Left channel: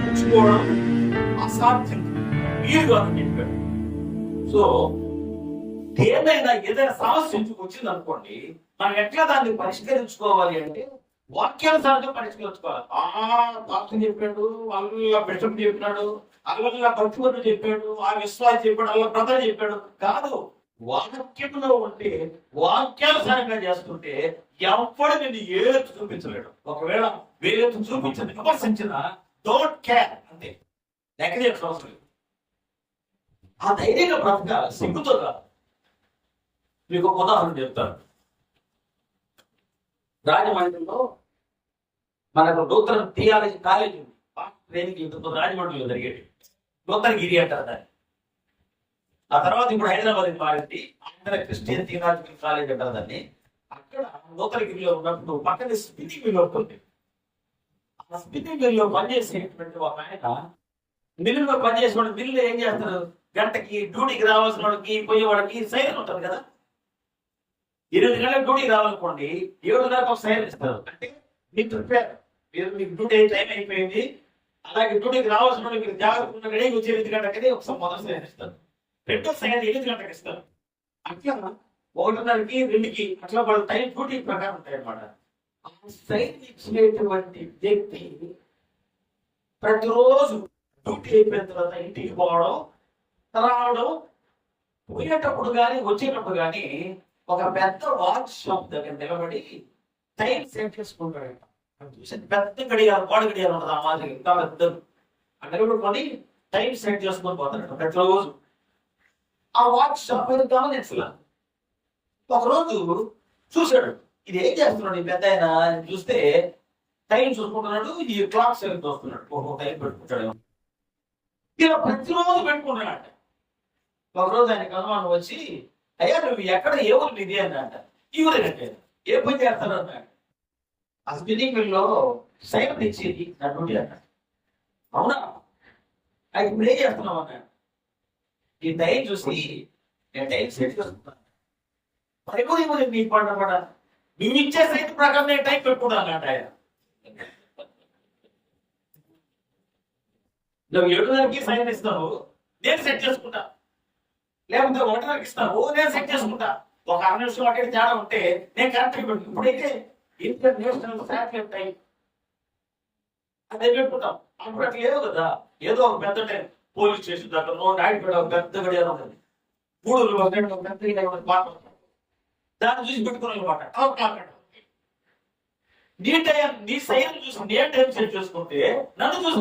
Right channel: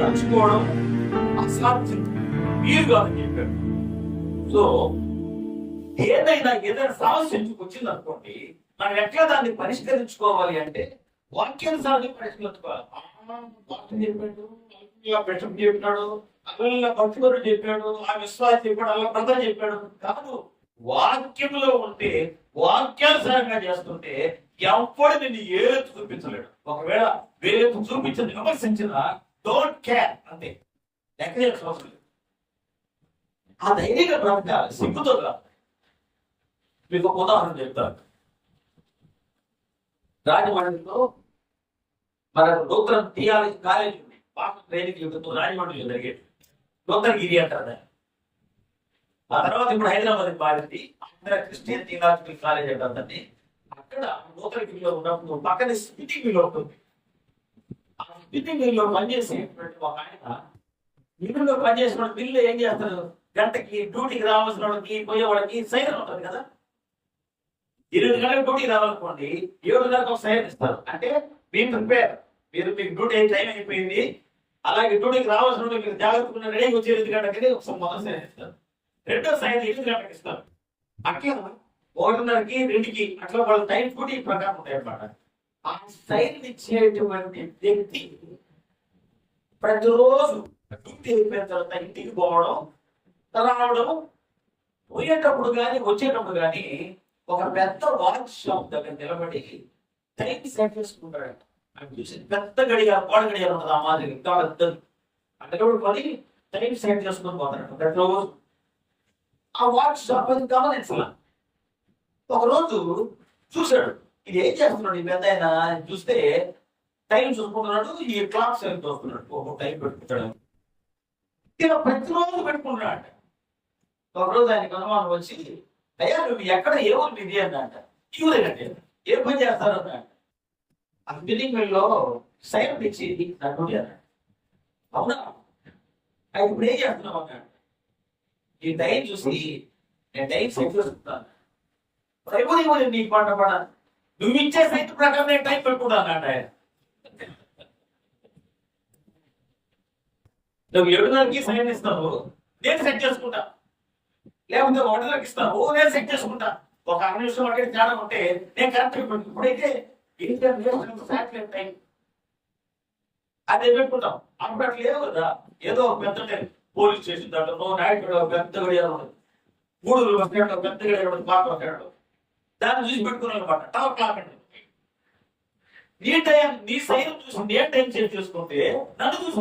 మర్చిపోవడం అసాధ్యం, వీలు కాదని చెప్పాడు. సో ఏదైనా సమస్య వచ్చింది అనుకోండి, మనం ఎట్లా దాన్ని పరిష్కరించుకోవాలి అంటే వాక్యానుసారంగా పరిష్కరించుకోవాలి. పాస్టర్ చెప్పాడు, అల్లా బిషప్ చెప్పినాడు, అల్లా భక్తుడు చెప్పాడు, ఆ విశ్వాసం చెప్పాడు, అల్లా బ్రదర్ చెప్పాడు కాదు. వాక్యంలో ఉంటే వాక్యానుసారంగా చేస్తుంటే ఎవడు నిన్ను ఏలెత్తు చూపించలేడు. ఒకవేళ వేలెత్తు చూపించని విమర్శించిన డోంట్ కేర్, అంతే, లెక్క చేయాల్సిన అవసరం లేదు. ఆ ధైర్యంగా బ్రతకాలి, సిగ్గుతో కాదు. మీకు ఒక ఉదాహరణ చెప్తాను. రాజమండ్రిలో మనకు నూతన థియాలజీ కాలేజ్ ఉంది, పాఠ ట్రైనింగ్ యూనిట్ రాజమండ్రిలో జరిగేది. నూతనగిరి అంటారు దాన్ని. ఆ తర్వాత ఇప్పుడు హైదరాబాద్ మారింది, ఆంధ్ర క్రిస్టియన్ థియాలజికల్ కాలేజ్ అంటారు దాన్ని. అక్కడ నూతనగిరిలో ఉన్నప్పుడు పక్కన స్పిన్నింగ్ మిల్ ఉంటుంది. ఆ స్పిన్నింగ్ మిల్ లో పనిచేసేటువంటి ఒక ఆయన మిల్లులో పనిచేసిన మిల్లు ఏం చేస్తారు, గంటకి డ్యూటీకి రావాల్సిన వాళ్ళకి పోయేవాడికి సైరన్ ఉంటుంది కదా. 8 గంటలకు డ్యూటీకి రావాలనుకోండి, 7 గంటలకు ఒక సైరన్ ఇస్తారు. అంటే మీరు ప్రిపేర్, మీకు డ్యూటీ టైం అయిపోయింది, అలాగే డ్యూటీకి రావాల్సిన వాళ్ళు మీరు జాగ్రత్తగా రెడీగా వచ్చి 8 గంటలకి ఒకసారి మొదటి సైరన్ ఇస్తారు. రెండో సైరన్ 8 గంటలకు ఇస్తారు. అట్లా 1:30కి 2కి అట్లా వాళ్ళ టైం డ్యూటీ ప్రకారం ఉంటాయి అన్నమాట. ఆ సైరన్ ఇచ్చేటువంటి వ్యక్తి ప్రతిరోజు డ్యూటీ అయిపోయిన తర్వాత ఇంటికి పోవడం, రావడం, పోయేటప్పుడు కానీ వచ్చేటప్పుడు కానీ ఒక పెద్ద వాచ్ షాప్ దగ్గర నిలబడి టైం సెట్ చేసుకుంటాడంట. అని చూసి పెద్ద గడియారం, గోడ గడియారం ఉంటుంది, ఆ మాదిరి ఇంకా పెద్ద నిలబడుకొని టైం సెట్ చేసుకొని పోతాడు ప్రతిరోజు. ఆ వాచ్ షాప్ మీద గమనించాల. ఒకరోజు చూశాడు, ఇది ఏం చేస్తున్నాడు ఈ పెద్ద ఆయన అని చూస్తే టైం చూసుకుంటున్నాడు, ఈ క్లాక్ సెట్ చూస్తున్నాడు, ఒక టైం పెట్టుకుంటాడు. ఇలా ప్రతిరోజు పెట్టుకుంటున్నాడు అంట. ఒకరోజు ఆయనకు అనుమానం వచ్చి, అయ్యా నువ్వు ఎక్కడ ఏ ఊరు ఇది అని అంట. ఈ ఊరేనంటే ఏ పని చేస్తారు అన్నాడు. ఆ స్పిన్నింగ్ మిల్ లో సైరన్ ఇచ్చేది నా డ్యూటీ అన్నాడు. అవునా, అది ఇప్పుడు ఏం చేస్తున్నావు అన్నాడు. ఈ టైం చూసి నేను టైం సెట్ చేసుకుంటాను, నీకు పంట పడ, నువ్వు ఇచ్చే సైట్ ప్రకారం నేను టైం పెట్టుకుంటాను అన్నాడు ఆయన. నువ్వు 7:30కి సైన్ ఇస్తావు, నేను సెట్ చేసుకుంటా, లేకపోతే 1:30కి ఇస్తావు, నేను సెట్ చేసుకుంటా. ఒక 6 నిమిషం అక్కడ తేడా ఉంటే నేను కరెక్ట్ పెట్టుకుంటాను. ఇప్పుడైతే ఇంటర్నేషనల్ శాటిలైట్ టైం అదే పెట్టుకుంటాం. అప్పుడు అట్లా లేదు కదా, ఏదో ఒక పెద్ద టైం, పోలీస్ స్టేషన్ దగ్గర నాయుడు ఒక పెద్ద గడియారం ఉంటుంది, 3 బస్ స్టాండ్ పెద్ద గడియారం ఉంటుంది, పాత బస్ స్టాండ్, దాన్ని చూసి పెట్టుకున్నాను అనమాట. 12 o'clock అంటే నీ టైం, నీ సైన్ చూసి నేను టైం సెట్ చేసుకుంటే నన్ను చూసి